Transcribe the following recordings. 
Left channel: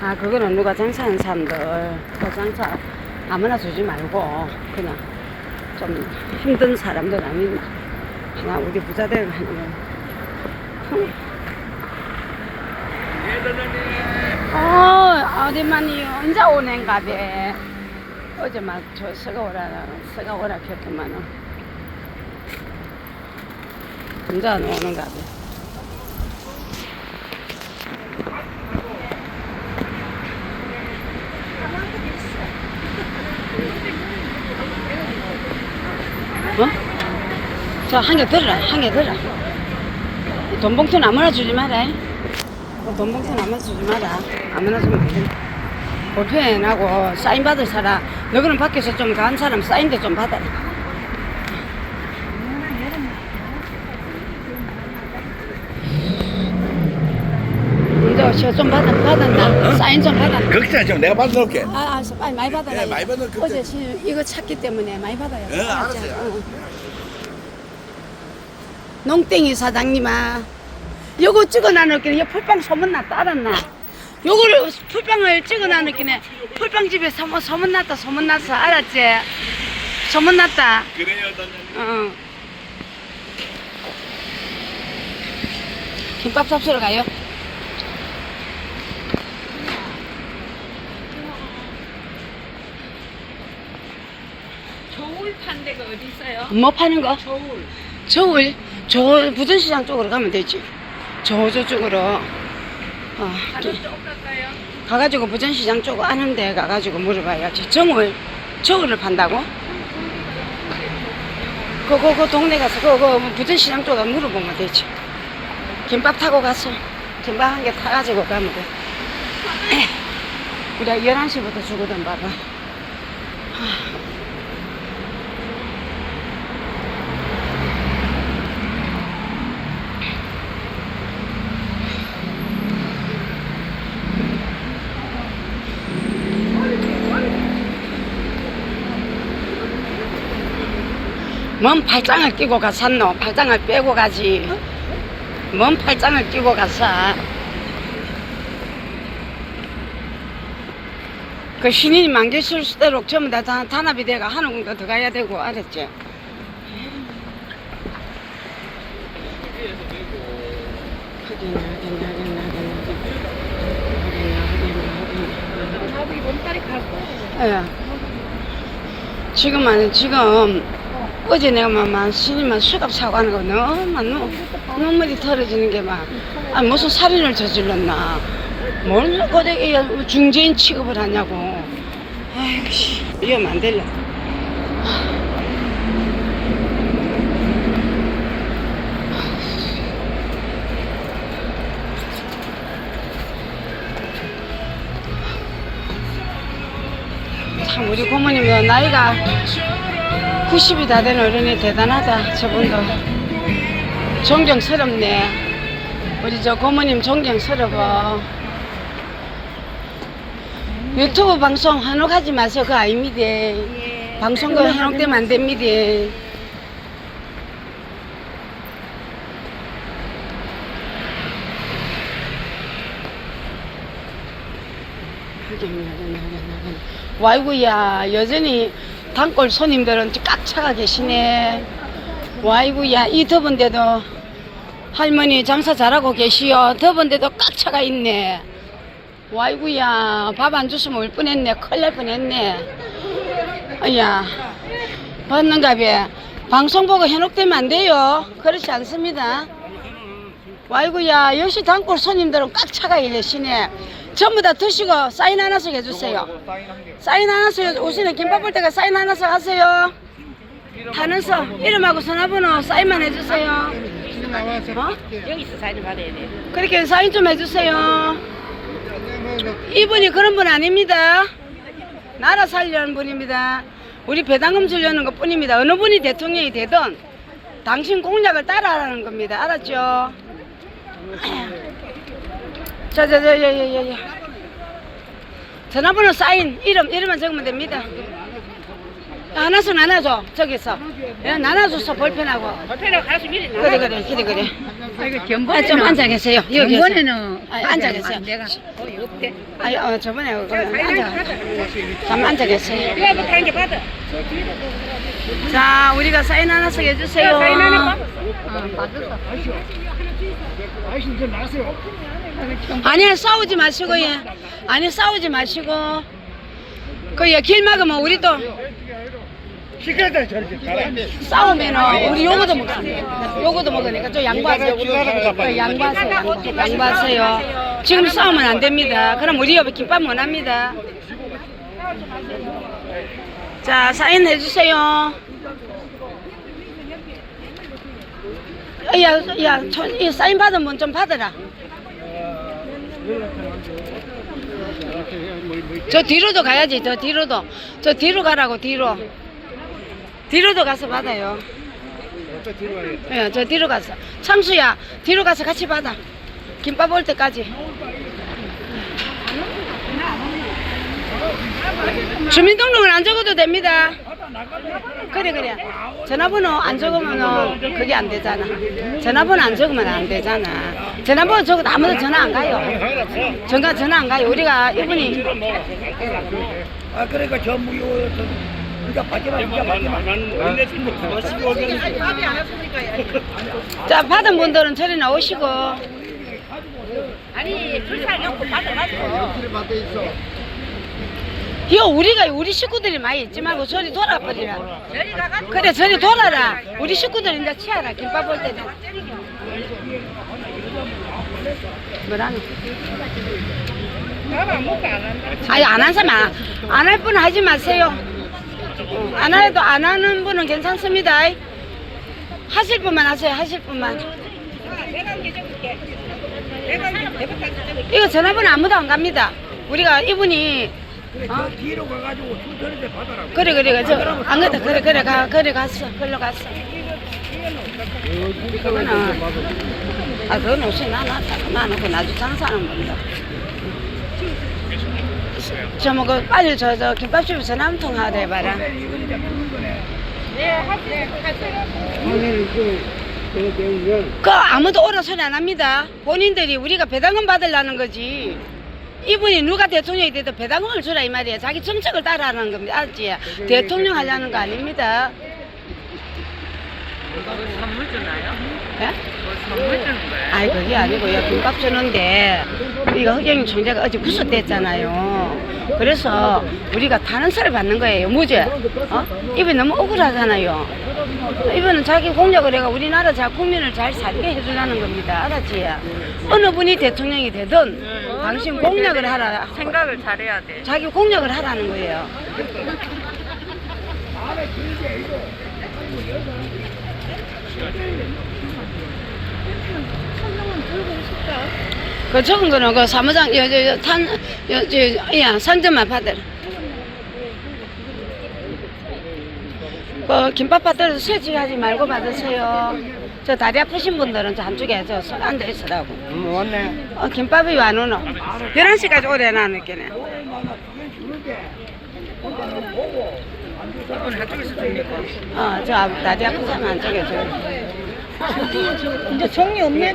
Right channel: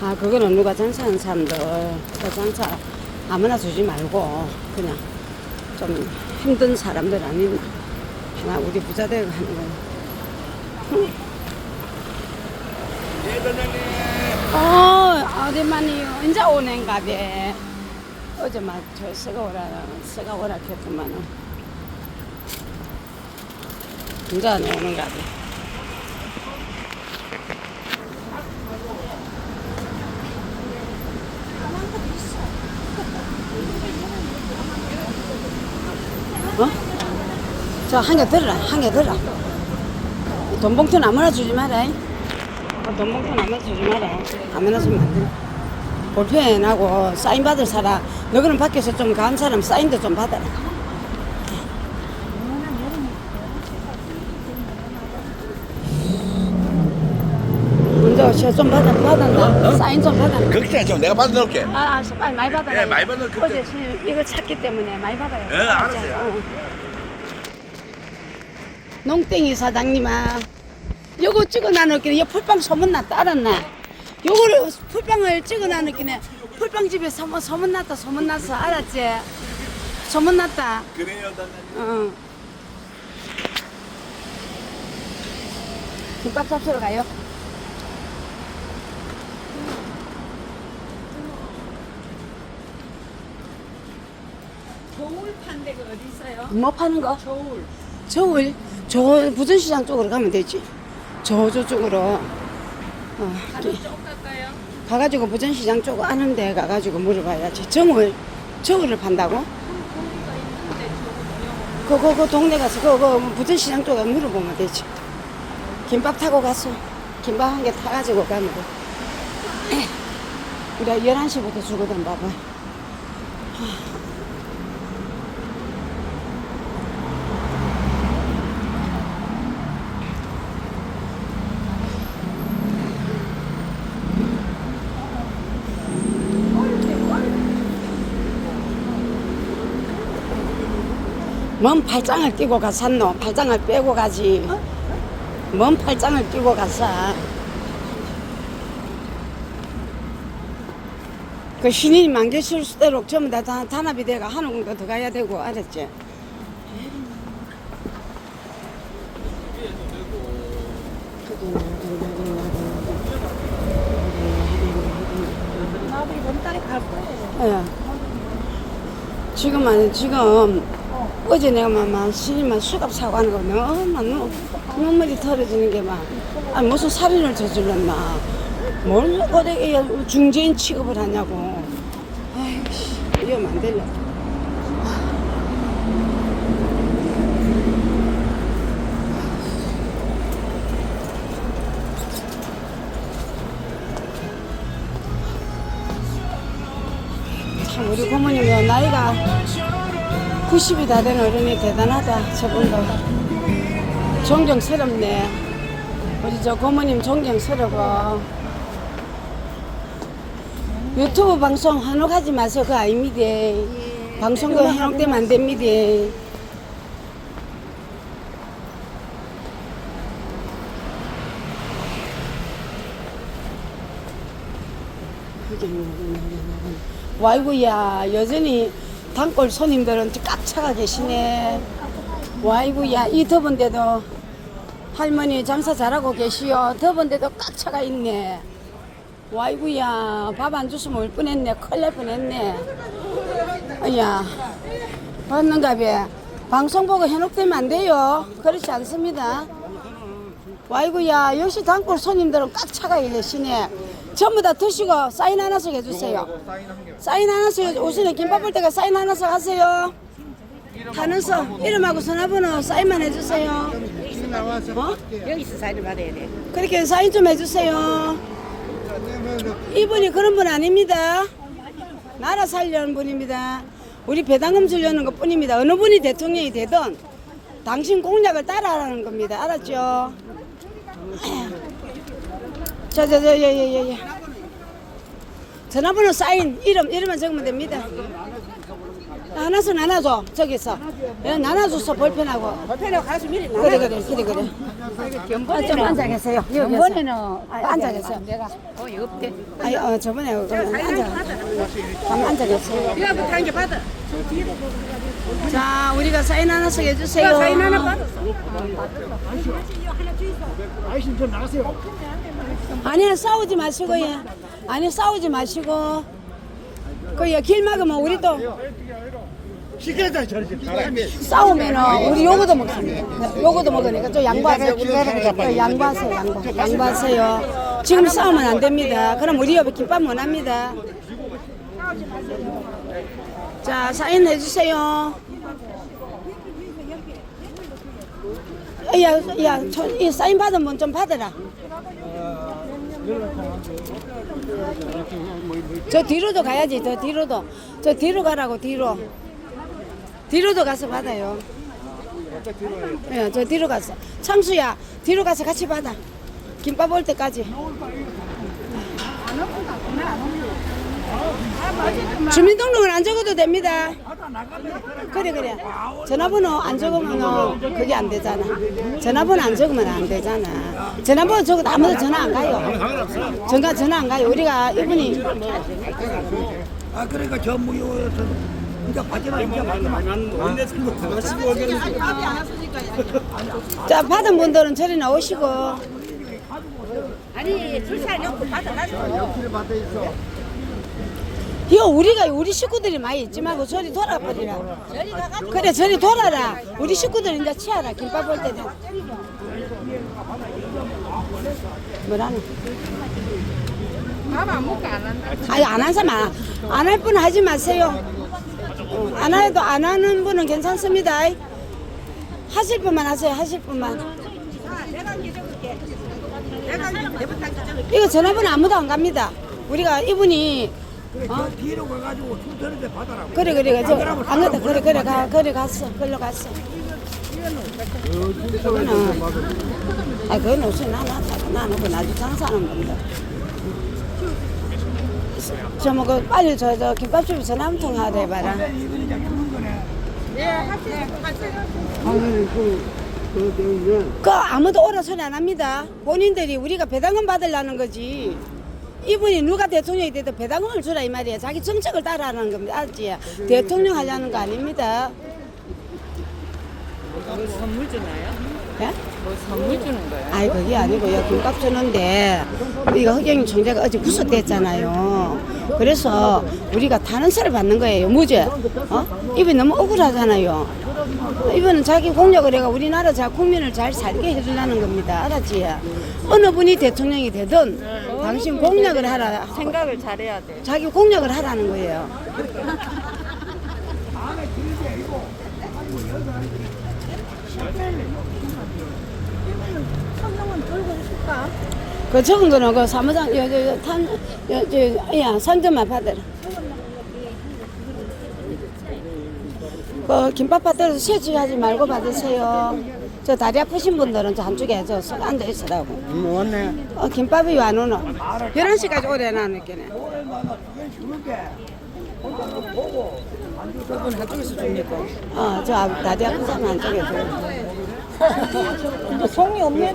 아, 그거는 누가 장사하는 사람들, 그 장사 아무나 주지 말고, 그냥 좀 힘든 사람들 아니나. 아마 우리 부자들 하는 거. 어, 어디만이 언제 오는가 봐. 어제 막저 서가 오라, 서가 오라 했구만은. 언제 안 오는가 봐. 저 한 개 들어라, 한 개 들어라. 돈 봉투 아무나 주지 마라. 어, 돈 봉투 아무나 주지 마라. 아무나 주면 안 돼. 볼펜하고 사인 받을 사람, 너그는 밖에서 좀 간 사람 사인도 좀 받아라. 문제 없이 좀 받아, 받았나? 사인 좀 받았나? 걱정하지 마. 내가 받아놓을게. 아, 알았어. 빨리 많이 받아라. 예, 많이 받아, 그때. 어제 시- 이거 찾기 때문에 많이 받아요. 예, 알았어요. 어. 농땡이 사장님아, 요거 찍어놔놓기는 이 풀빵 소문났다 알았나? 요거를 풀빵을 찍어놔놓기는 풀빵집에 소문, 소문났다 소문났어 알았지? 소문났다. 그래요, 어. 김밥 잡수러 가요. 저울 판 데가 어디 있어요? 뭐 파는 거? 저울. 저울 저 부전시장 쪽으로 가면 되지. 저 저쪽으로. 어? 가가지고 부전시장 쪽 아는 데 가가지고 물어봐야지 정울 저울을 판다고? 그거 그 동네 가서 그거 부전시장 쪽에 물어보면 되지. 김밥 타고 가서 김밥 한 개 타가지고 가면 돼. 우리가 11시부터 주거든 밥은 뭔 팔짱을 끼고 갔었노? 팔짱을 빼고 가지. 뭔 팔짱을 끼고 갔어? 그 신인이 만개 실 수대로 전부 다 단- 단합이 돼가 하는 공도 더 가야 되고 알았지? 나도 이번 달에 갈 거예요. 예. 지금 지금 어제 내가 막, 막 신이만 수갑 사고 하는 거 너무 너무 눈물이 털어지는 게 막, 아 무슨 살인을 저질렀나. 뭘 어디 중재인 취급을 하냐고. 아이고, 씨, 이러면 안 될라. 참 우리 고모님도 나이가 90이 다 된 어른이 대단하다 저분도. 존경스럽네. 우리 저 고모님 존경스러워 유튜브 방송 한옥하지 마세요 그거 아닙니다. 방송 그 한옥되면 안 됩니다. 하긴 하긴 하긴 하긴. 와이구야 여전히 단골 손님들은 꽉 차가 계시네. 와이구야 이 더운데도 할머니 장사 잘하고 계시오. 더운데도 꽉 차가 있네. 와이구야 밥안 줬으면 올 뻔했네. 큰일 날 뻔했네. 아야 봤는가 봐 방송 보고 현혹되면 안 돼요. 그렇지 않습니다. 와이구야 역시 단골 손님들은 꽉 차가 계시네 전부 다 드시고 사인 하나씩 해주세요. 사인 하나씩 오시는 김밥 볼 때가 사인 하나씩 하세요. 하면서 이름하고 전화번호 사인만 해주세요. 어? 여기서 사인을 받아야 돼. 그렇게 사인 좀 해주세요. 이분이 그런 분 아닙니다. 나라 살려는 분입니다. 우리 배당금 주려는 것 뿐입니다. 어느 분이 대통령이 되든 당신 공약을 따라하라는 겁니다. 알았죠? 자자자자자자 전화번호 사인 이름 이름만 적으면 됩니다. 하나씩 나눠줘 저기서. 예, 나눠줘서 불편하고. 불편해 가서 미리 나. 그래 그래 그래 그래. 아, 좀 앉아 계세요. 여기 이번에는 아, 앉아 계세요. 내가 거의 없대. 아니 어 저번에 그거 앉아. 잠깐 앉아 계세요. 받아. 자 우리가 사인 하나씩 해주세요. 사인 하나 받았어. 아 니 싸우지 마시고 예 아니 싸우지 마시고 그야 길 막으면 우리 또 싸우면은 우리 요거도 먹습니다. 요거도 먹으니까 좀 양보하세요. 어, 양보하세요. 양보. 양보하세요. 지금 싸우면 안 됩니다. 그럼 우리 옆에 김밥 못 합니다. 자, 사인 해주세요. 야, 야, 저, 이 사인 분좀 받으라. 저 뒤로도 가야지, 저 뒤로도. 저 뒤로 가라고, 뒤로. 뒤로도 가서 받아요. 예, 저 뒤로 가서. 창수야, 뒤로 가서 같이 받아. 김밥 올 때까지. 주민등록은 안 적어도 됩니다. 그래, 그래. 전화번호 안 적으면 그게 안 되잖아. 전화번호 안 적으면 안 되잖아. 전화번호 적어도 아무도 전화 안 가요. 전화, 전화 안 가요. 우리가 이분이 아 그러니까 저 무료 그러니까 받지마 이제 받지마 자 받은 분들은 저리 나오시고 아니 줄살 놓고 받아가지고. 이거 우리가 우리 식구들이 많이 있지 말고 저리 돌아버리라. 그래 저리 돌아라 우리 식구들 이제 치아라 김밥 볼 때는 뭐라노 아니 안 한 사람 안할 분은 하지 마세요. 어, 안 해도 안 하는 분은 괜찮습니다. 하실 분만 하세요 하실 분만. 이거 전화번호 아무도 안 갑니다. 우리가 이분이 그래 저 뒤로 가가지고 그래 그래. 저안 그래 그래 그래 가 그래 갔어. 걸로 갔어. 그거는 아 그건 없이 나 놨다가 놔놓고 나도 장사하는 겁니다. 저뭐 그 빨리 저 저 김밥집에 전화 한통 하래 봐라. 그 아무도 오라 소리 안 합니다. 본인들이 우리가 배당금 받으려는 거지. 이분이 누가 대통령이 돼도 배당금을 주라 이 말이에요. 자기 정책을 따라하는 겁니다. 알지 대통령 하려는 거 아닙니다 선물 주나요? 예? 뭐 선물 주는 거예요? 아이 그게 아니고요 김밥 주는데 이거 흑영인 총재가 어제 구속됐잖아요 그래서 우리가 탄원서를 받는 거예요 무죄 어? 이분이 너무 억울하잖아요 이분은 자기 공약을 해가 우리나라 자 국민을 잘 살게 해주려는 겁니다 알았지 어느 분이 대통령이 되든 당신 공약을 하라 생각을 잘해야 돼. 자기 공약을 하라는 거예요 그 적은 거는 그 사무장 여저탄여저야 산점만 받으라. 그 김밥 받들어서 세지하지 말고 받으세요. 저 다리 아프신 분들은 저 한쪽에 저 서- 앉아 있으라고. 응 왔네 어, 김밥이 왜안 오노? 11시까지 오래 놔놓겠네. 어, 저 앞- 다리 사람 한쪽에 줘. 이제 종이 없네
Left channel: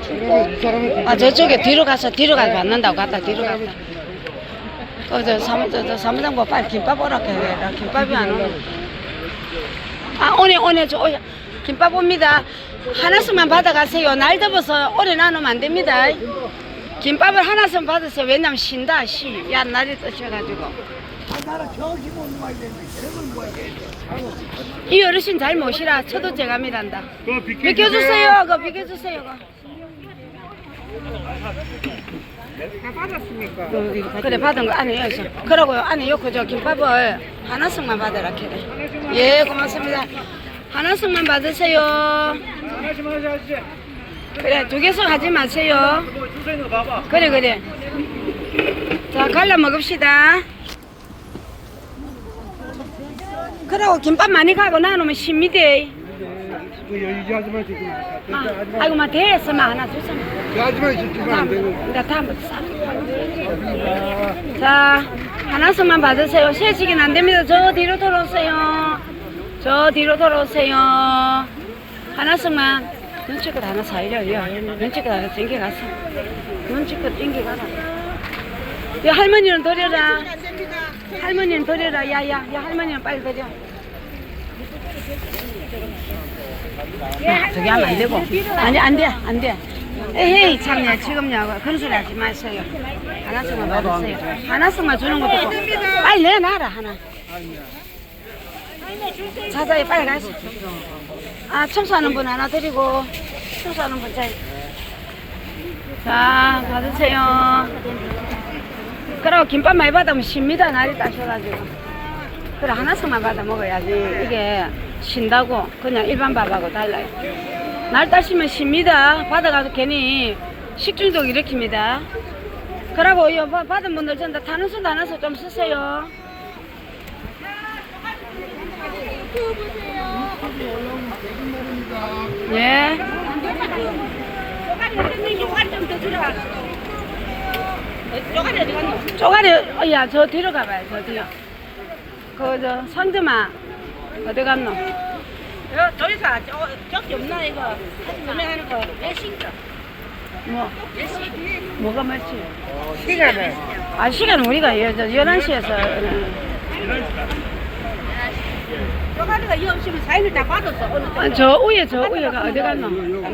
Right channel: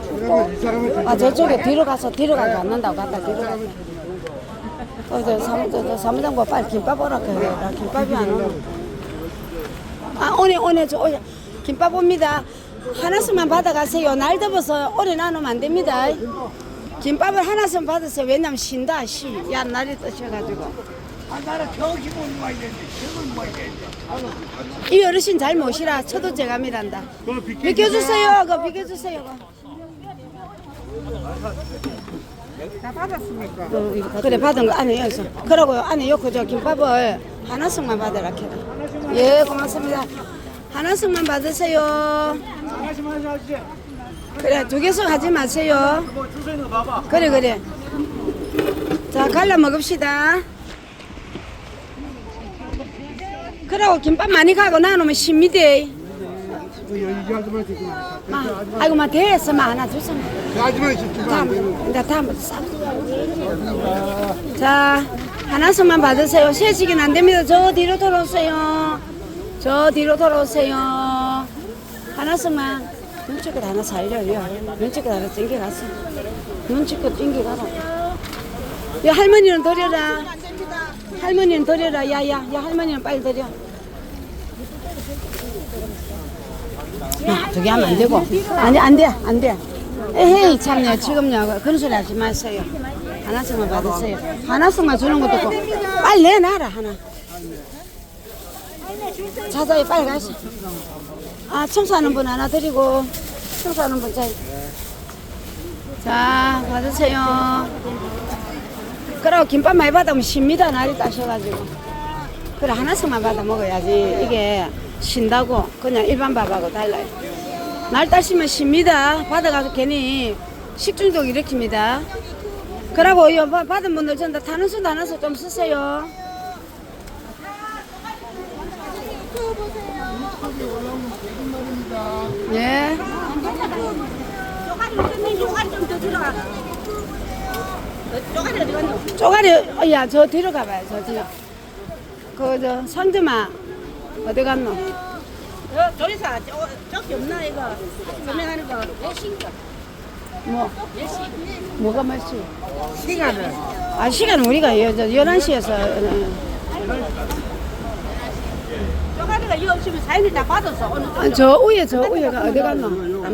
사람은 아 저쪽에 뒤로 가서 뒤로 가서 받는다고 갔다 뒤로 갔다. 어저 사무 저, 저 사무장 뭐 빨리 김밥 오라 해라 김밥이 안 오네. 아 오네 오네 저 오야 김밥 옵니다. 하나씩만 받아가세요. 날 더워서 오래 나누면 안 됩니다. 김밥을 하나씩 받으세요. 왜냐면 쉰다 시. 야 날이 뜨셔가지고. 나는 저걸 이 어르신 잘 모시라. 저도 제가 미란다. 비켜주세요. 그 비켜주세요. 그. 다 받았습니까? 어, 그래 받은 거 안에 여서 그러고요 안에 요거 저 김밥을 하나씩만 받으라 캐래 예 고맙습니다 하나씩만 받으세요 하나씩만 그래 두 개씩 하지 마세요 그래 그래 자 갈라 먹읍시다 그러고 김밥 많이 가고 나누면 이좀 아, 아이고 막 대에서만 하나 주세요 그 아줌마 지금 안 되는 나 다음 싸. 자, 하나씩만 받으세요. 세식은 안 됩니다. 저 뒤로 돌아오세요. 저 뒤로 돌아오세요. 하나씩만 눈치껏 하나 사이려요. 눈치껏 하나 땡겨가서. 눈치껏 땡겨가라. 야, 할머니는 드려라. 할머니는 드려라. 야, 야, 야, 할머니는 빨리 드려. 야, 저게 하면 안 되고. 아니, 안 돼, 안 돼. 에헤이, 참네. 지금요. 그런 소리 하지 마세요. 하나씩만 받으세요. 하나씩만 주는 것도 있고. 빨리 내놔라, 하나. 자자에 빨리 가시. 아, 청소하는 분 하나 드리고, 청소하는 분 자. 자, 받으세요. 그리고 김밥 많이 받으면 쉽니다. 날이 따셔가지고. 그래, 하나씩만 받아 먹어야지. 이게 신다고. 그냥 일반 밥하고 달라요. 날 따시면 쉽니다. 받아가지고 괜히 식중독 일으킵니다. 그러고 이 받은 분들 전부 다 타는 수 나눠서 좀 쓰세요. 예. 어쩌면 쪼가리 어디 갔노? 쪼가리, 어, 야, 저 뒤로 가봐요, 저 뒤로. 그, 저, 상점아, 어디 갔노? 저, 저기서 저, 저기 없나 이거 설명하는 거 레시죠? 뭐. 뭐가 맛이? 시간을. 아, 시간 우리가 여, 저 11시에서, 쪼가리가 이 없으면 사인을 다 받았어. 어느 쪽. 아, 저 위에, 저 위에가 어디 갔노?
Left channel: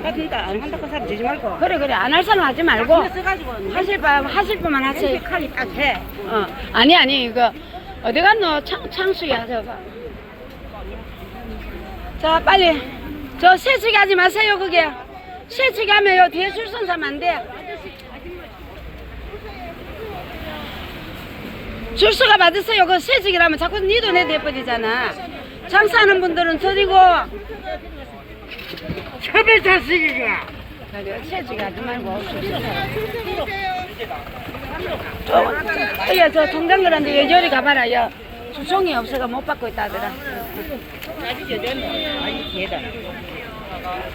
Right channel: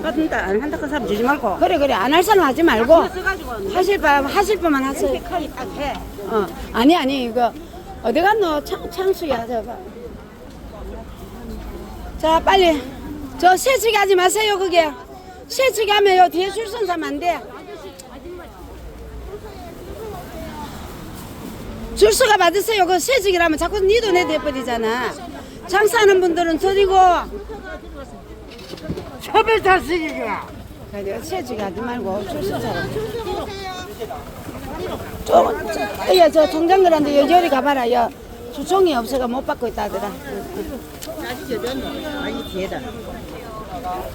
안 받는다 안 한다 그 사람 주지 말고. 그래, 그래, 안 할 사람 하지 말고, 써가지고 하실 바, 하실 분만 하세요. 칸이 딱 해. 어, 아니, 아니, 이거, 어디 갔노? 창, 창수야, 저거. 자, 빨리. 저 세치기 하지 마세요, 그게. 세치기 하면 요 뒤에 줄선 서면 안 돼. 줄서가 받으세요. 그 세치기라면 자꾸 니도 내 돼버리잖아. 장사하는 분들은 드리고. 차별 탈식이가. 그래, 세치기 하지 말고 줄서 사라. 저, 야, 저 통장들한테 여전히 가봐라. 요 수송이 없어가 못 받고 있다 하더라.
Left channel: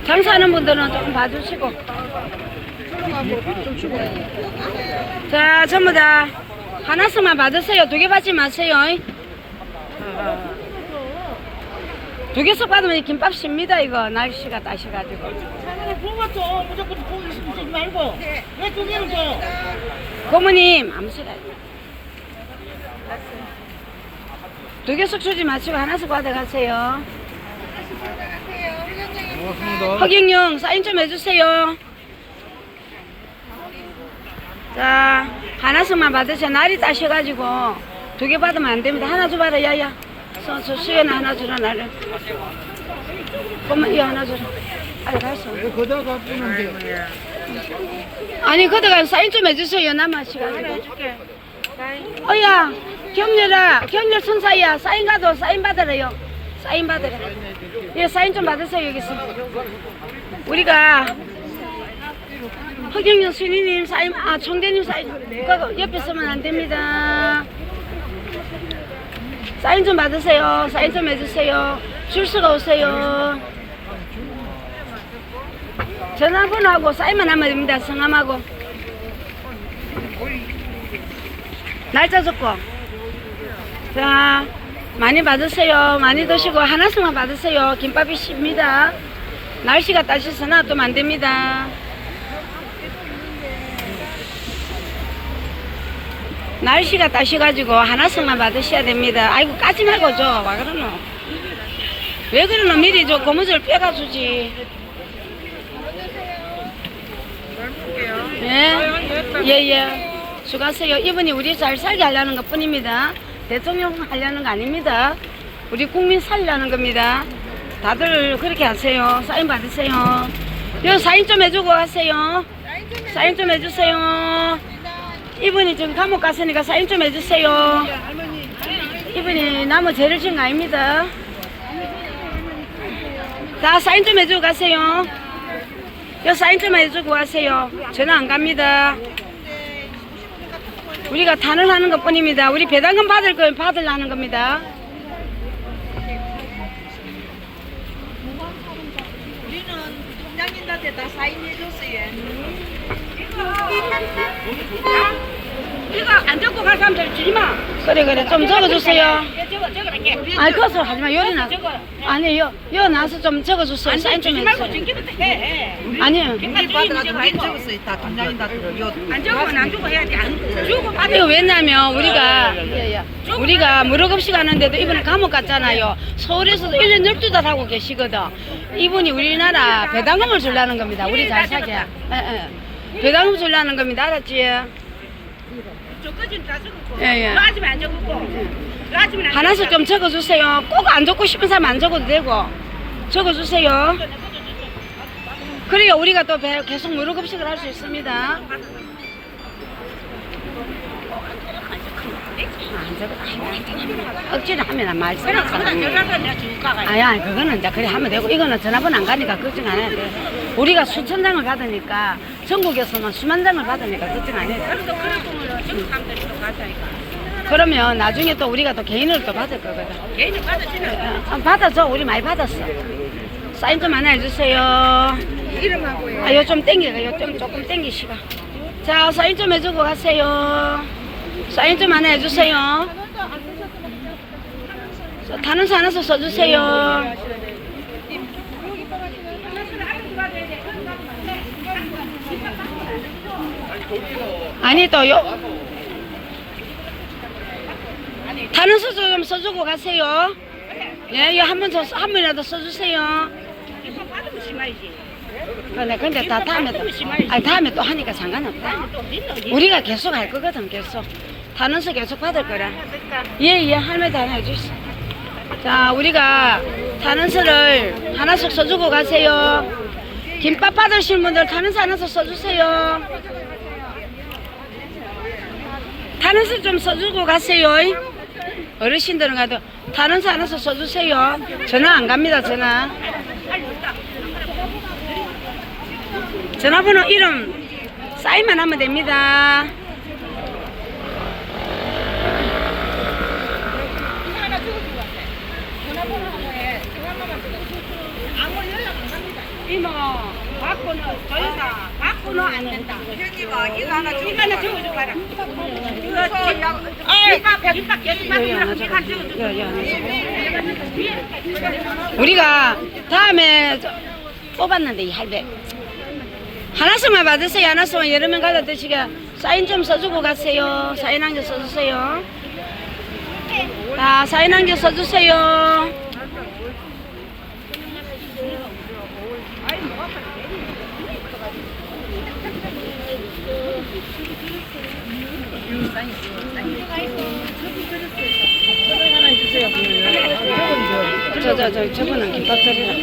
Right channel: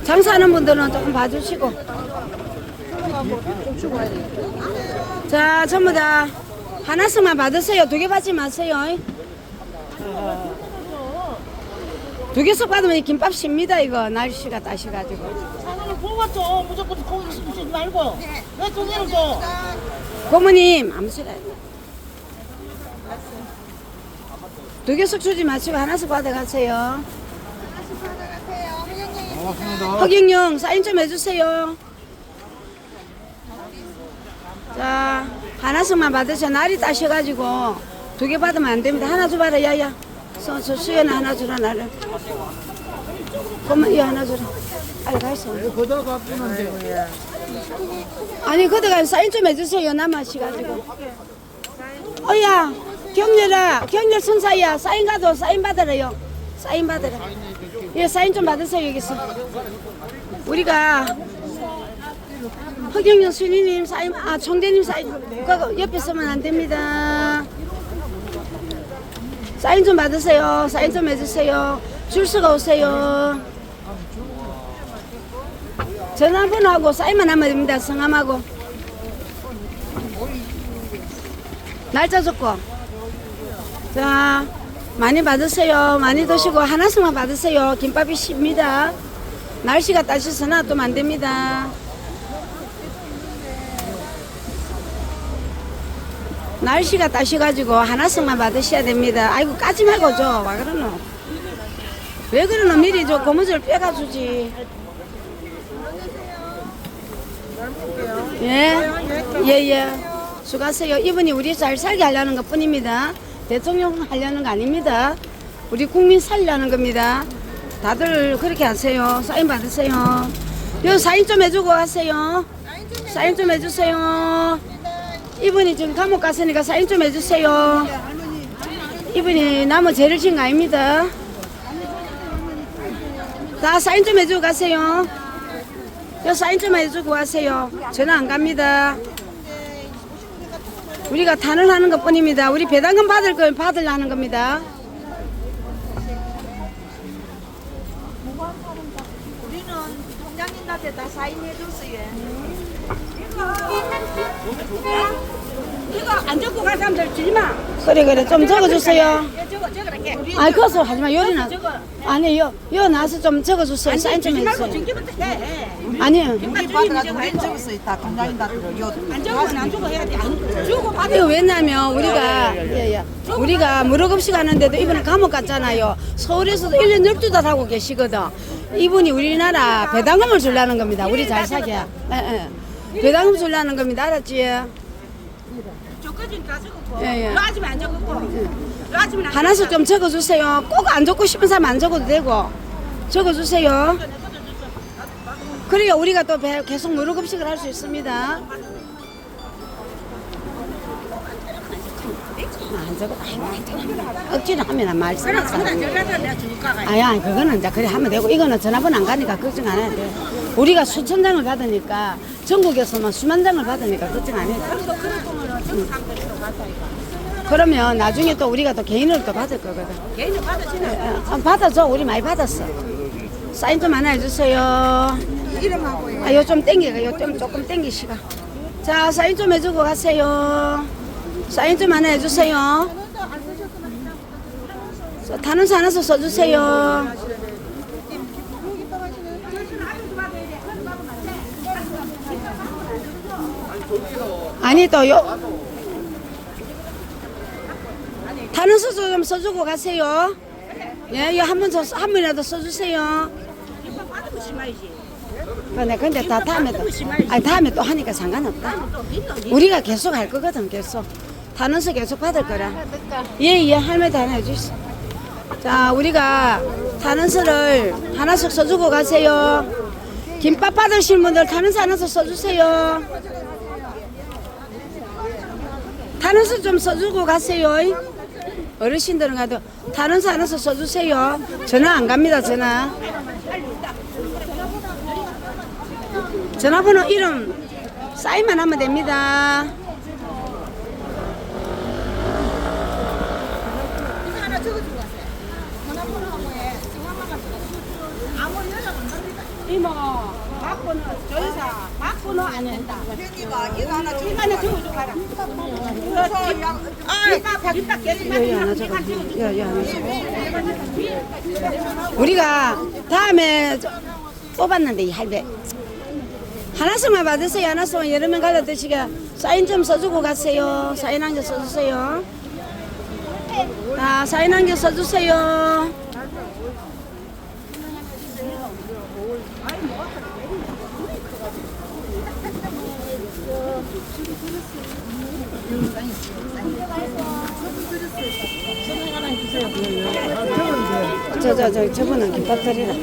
장사하는 분들은 조금 봐주시고. 자, 전부 다 하나씩만 받으세요. 두 개 받지 마세요. 두 개씩 받으면 김밥 쉽니다, 이거. 날씨가 따셔가지고. 뽑았죠. 무조건 거기 쓰지 말고. 왜 두 개를 줘? 고모님, 아무 소리 안 해. 두 개씩 주지 마시고 하나씩 받아가세요. 고맙습니다. 허경영 사인 좀 해주세요. 자, 하나씩만 받으세요. 날이 따셔가지고 두 개 받으면 안 됩니다. 하나 줘 봐라, 야야. 서, 서, 수연아 하나 주라, 나를. 그러면 이 하나 주라. 빨리 가서. 거다가 뿌는데. 아니, 그다가 사인 좀 해주세요. 남아시가지고. 어야, 경렬아, 경렬 천사야. 사인 가도 사인 받으래요. 사인 받으라. 예, 사인 좀 받으세요, 여기서. 우리가 허경영 시민님 사인, 아, 총재님 사인, 그거 옆에 서면 안 됩니다. 사인 좀 받으세요. 사인 좀 해주세요. 줄수가 오세요. 전화번호하고 사인만 하면 됩니다. 성함하고. 날짜 적고. 자, 많이 받으세요. 많이 드시고 하나씩만 받으세요. 김밥이 쉽니다. 날씨가 따셔서 놔두면 안 됩니다. 날씨가 따셔가지고 하나씩만 받으셔야 됩니다. 아이고 까지 말고 줘. 와 그러노. 왜 그러노? 미리 저 고무줄 빼가 주지. 예, 예, 예. 수고하세요. 이분이 우리 잘 살게 하려는 것 뿐입니다. 대통령 하려는 거 아닙니다. 우리 국민 살려는 겁니다. 다들 그렇게 하세요. 사인 받으세요. 여기 사인 좀 해주고 하세요. 사인 좀 해주세요. 이분이 지금 감옥 갔으니까 사인 좀 해주세요. 이분이 나무 죄를 지은 거 아닙니다. 다 사인 좀 해주고 가세요. 여 사인 좀 해주고 가세요. 전화 안 갑니다. 우리가 탄을 하는 것 뿐입니다. 우리 배당금 받을 거면 받으려는 겁니다. 우리는 통장님한테 다 사인해줬어요. 이거 안 적고 갈 사람들 주지 마. 그래, 그래. 좀 적어주세요. 예, 이렇게. 아이, 그것을 하지 마. 요리나. 저거. 아, 아니 여, 여 나서 좀 적어주세요 사인 좀 주지 말고 해주세요 전기부터 해. 아니요 김밥 받아가지고 우리 적었어요. 다 김장인 다 들어. 요안 주면 안 주고 해야지. 안 주고 받아. 이거 왜냐면 우리가 예, 예. 우리가 무료급식 하는데도 이번에 감옥 갔잖아요. 서울에서도 1년 12달 하고 계시거든. 이분이 우리나라 배당금을 주려는 겁니다. 우리 잘 사게. 예, 예. 배당금 주려는 겁니다. 알았지? 다 적었고. 예, 예. 라지면 안 적었고. 라지면 안 하나씩 좀 적어주세요. 꼭 안 적고 싶은 사람 안 적어도 되고. 적어주세요. 그래야 우리가 또 배- 계속 무료급식을 할 수 있습니다. 안 적어. 아이고, 안 적어. 억지로 하면 안 말씀. 그럼 내가 줄까 가. 아야 그거는 이제 그래 하면 되고 이거는 전화번호 안 가니까 걱정 안 해도 돼. 우리가 수천 장을 받으니까 전국에서만 수만 장을 받으니까 걱정 안 맞다니까. 그러면 나중에 또 우리가 또 개인으로 또 받을 거거든. 개인이 받아주면 어, 받아줘 우리 많이 받았어. 사인 좀 하나 해주세요. 이름하고 아, 요좀 땡기가 요좀 조금 땡기시고. 자 사인 좀 해주고 가세요. 사인 좀 하나 해주세요. 저, 다른 하나서 써주세요. 아니 또요. 다른 수좀 써주고 가세요. 예, 이거 한번 더, 한 번이라도 써주세요. 받으면 심하지. 근데, 근데 다 다음에 또, 아니, 다음에 또 하니까 상관없다. 우리가 계속 할 거거든, 계속. 단원서 계속 받을 거라. 예, 예, 할머니 하나 해주시. 자, 우리가 단원서를 하나씩 써주고 가세요. 김밥 받으실 분들 단원서 하나씩 써주세요. 단원서 좀 써주고 가세요. 어르신들은 가도 단원서 하나씩 써주세요. 전화 안 갑니다, 전화. 전화번호 이름 사인만 하면 됩니다. 이모, 하나 적어. 우리가 다음에 저- 뽑았는데 이 할배 하나씩만 받으세요. 하나씩만 여러 명 가다 드시게 사인 좀 써주고 가세요. 사인 한 개 써주세요. 자, 사인 한 개 써주세요. 저, 저, 저, 저분은 김밥 드리라.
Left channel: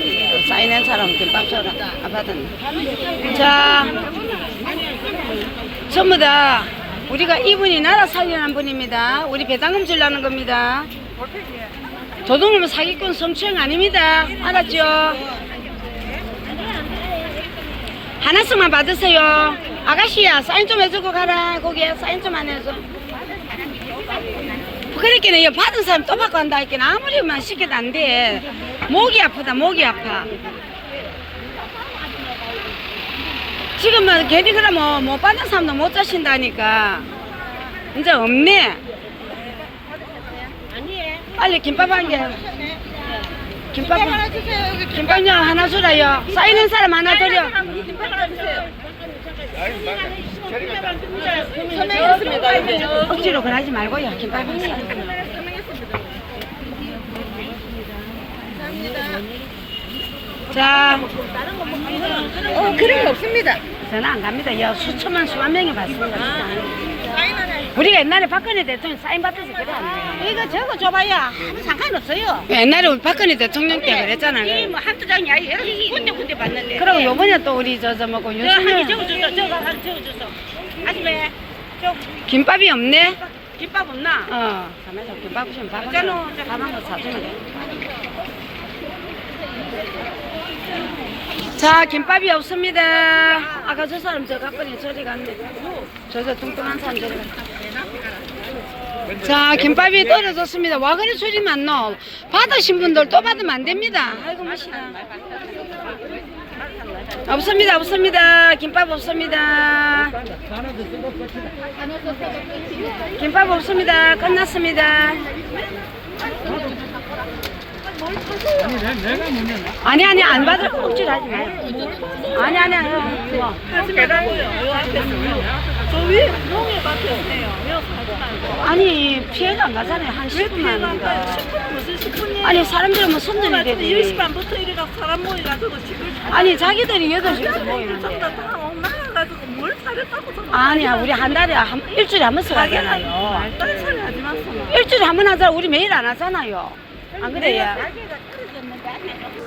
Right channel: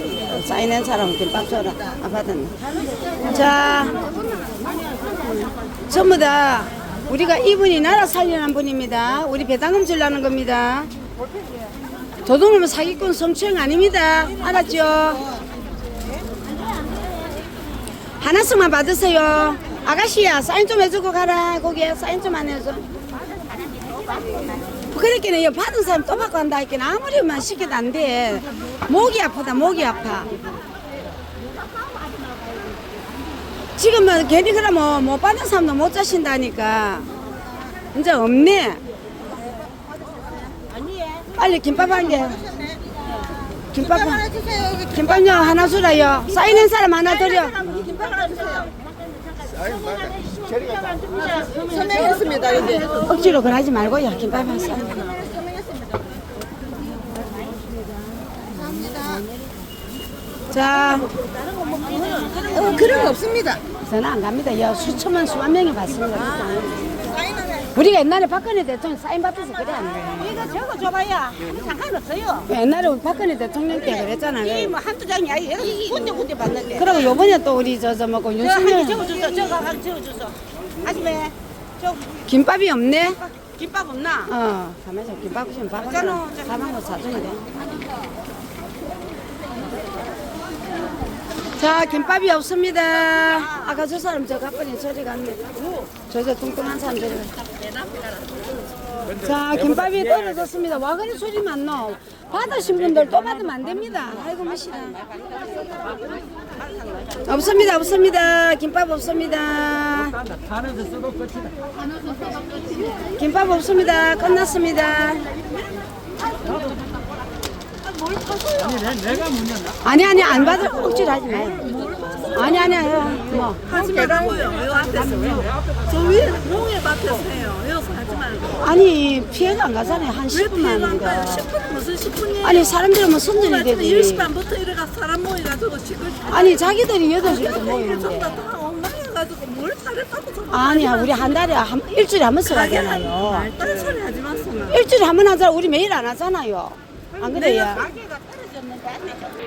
사인한 사람은 김밥 줘라. 아, 받았네. 자, 전부 다 우리가 이분이 나라 살리는 분입니다. 우리 배당금 주려는 겁니다. 도둑놈은 사기꾼 성추행 아닙니다. 알았죠? 하나씩만 받으세요. 아가씨야, 사인 좀 해주고 가라. 거기에 사인 좀 안 해줘. 그렇게는 이 받은 사람 또 받고 한다 했긴 아무리만 시켜도 안 돼. 목이 아프다, 목이 아파. 지금은 괜히 그러면 못 받은 사람도 못 자신다니까. 이제 없네. 빨리 김밥 한 개. 김밥 하나 주세요. 김밥요 하나 주라요. 쌓이는 사람 하나 드려. 억지로 그러지 말고요. 김밥 한 사. 자, 어, 그런 거 없습니다. 저는 안 갑니다. 야, 수천만 수만 명이 봤습니다. 우리가 옛날에 박근혜 대통령 사인 받아서 그래 안 돼. 이거 적어줘봐야 상관없어요. 옛날에 우리 박근혜 대통령 때 그랬잖아. 이게 뭐 한두 장이 아니에요. 군데 군데 받는데. 그리고 요번에 또 우리 저, 저 내가 한개 윤석열 적어줬어. 저거 한 적어줬어. 아줌마, 저 김밥이 없네. 김밥 없나? 어, 가면서 김밥 좀 밥한 거, 밥한 거 사주면 돼. 자, 김밥이 없습니다. 아까 저 사람 저 갔더니 저리 갔네. 저 저 뚱뚱한 사람 저리 갔네. 자, 김밥이 떨어졌습니다. 와 그래 소리 많노? 받으신 분들 또 받으면 안 됩니다. 아이고, 멋이다. 없습니다, 없습니다. 김밥 없습니다. 김밥 없습니다. 끝났습니다. 아니 아니 안 받을 억지로 하지 마. 아니 아니 아니. 뭐. 하지 말라고요. 요 앞에서요. 저 위에 농에 맡겼어요. 여기서 하지 말고. 아니 피해가 안 가잖아요 한 왜 10분 피해가 안 가요? 하는데. 10분은 무슨 10분이에요? 아니 사람들은 뭐 손들이 되지. 10시 반부터 이래가 사람 모여가지고 집을 아니 자기들이 여덟 시부터 모이는데. 다 나가가지고 뭘 잘했다고 저거 아니야 우리 한 달에 한 일주일에 한 번씩 하잖아요. 말단 소리 하지 마세요. 일주일에 한 번 하잖아. 우리 매일 안 하잖아요. 안 그래요?